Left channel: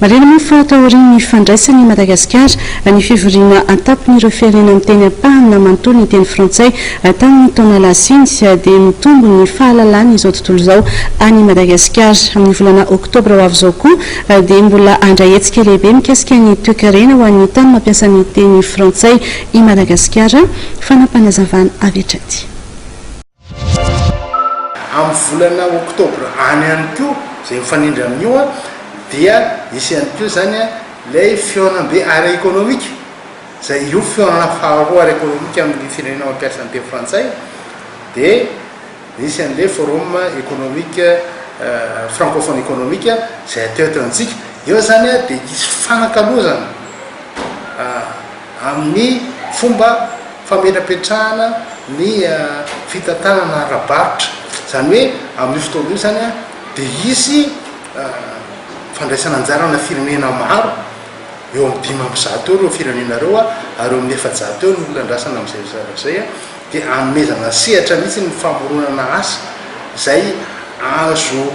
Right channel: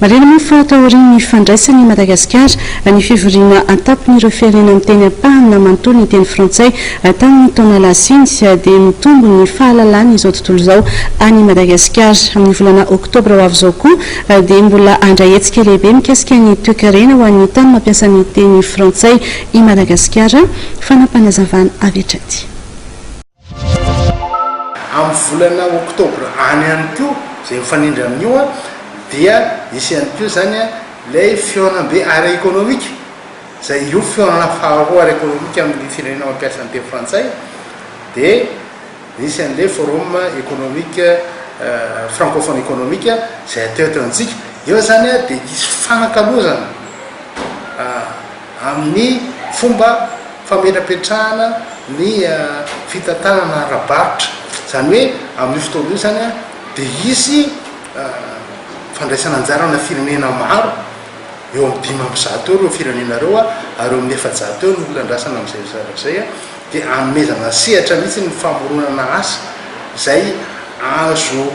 marena moa fa taoriany fandraisany Madagasikara ny fivoriana antapin'ireo firenena amin'ny teny ampahana manontolo ny teny frantsay tamin'ny taona lasiny dia mitombo ny fahalalana izao tontolo izao any Madagasikara. Amin'ny volana oktobra ho avy izao koa dia mbola andrahetsika lehibe mikasika ny toe-karena ho an'ny tany mampiasa ny teny frantsay i Madagasikara. Fanampanazavana avy hatrany amin'ny volana oktobra any ihany koa izay mifanindry amin'io dia isy ihany koa zany lay fihaonam-be ara économique zay io fihaonana faharoa ara économique amin'ny firenena mampiasa ny teny frantsay dia isy an'le forum économique francophone économique zay ateo antsika eo zany dia isy fanakalozana amin'ny fomba fametrapetrahana ny fitantanana ara-barotra zany hoe amin'ny fotoana io zany dia isy fandraisana anjarana firenena maro eo amin'ny 500 eo ireo firenena ireo ary eo amin'ny 700 eo ny olona andrasana amin'izay dia anomezana sehatra mihitsy ny famoronana asa zay azo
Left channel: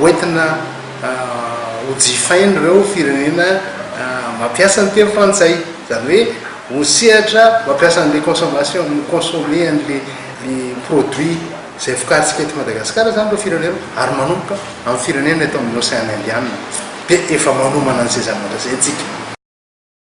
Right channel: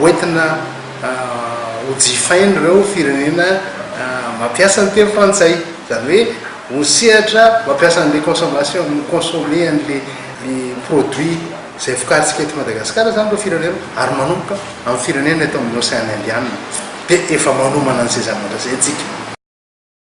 hoentina hojifaina ireo firenena mampiasa ny teny frantsay zany hoe ho sehatra mampiasa an'le consommation consommer an'le produit zay vokaritsika eto Madagasikara zany ireo firenena ary manomboka amin'ny firenena eto amin'ny Océan Indiana dia efa manomana an'izay zavatra zay antsika.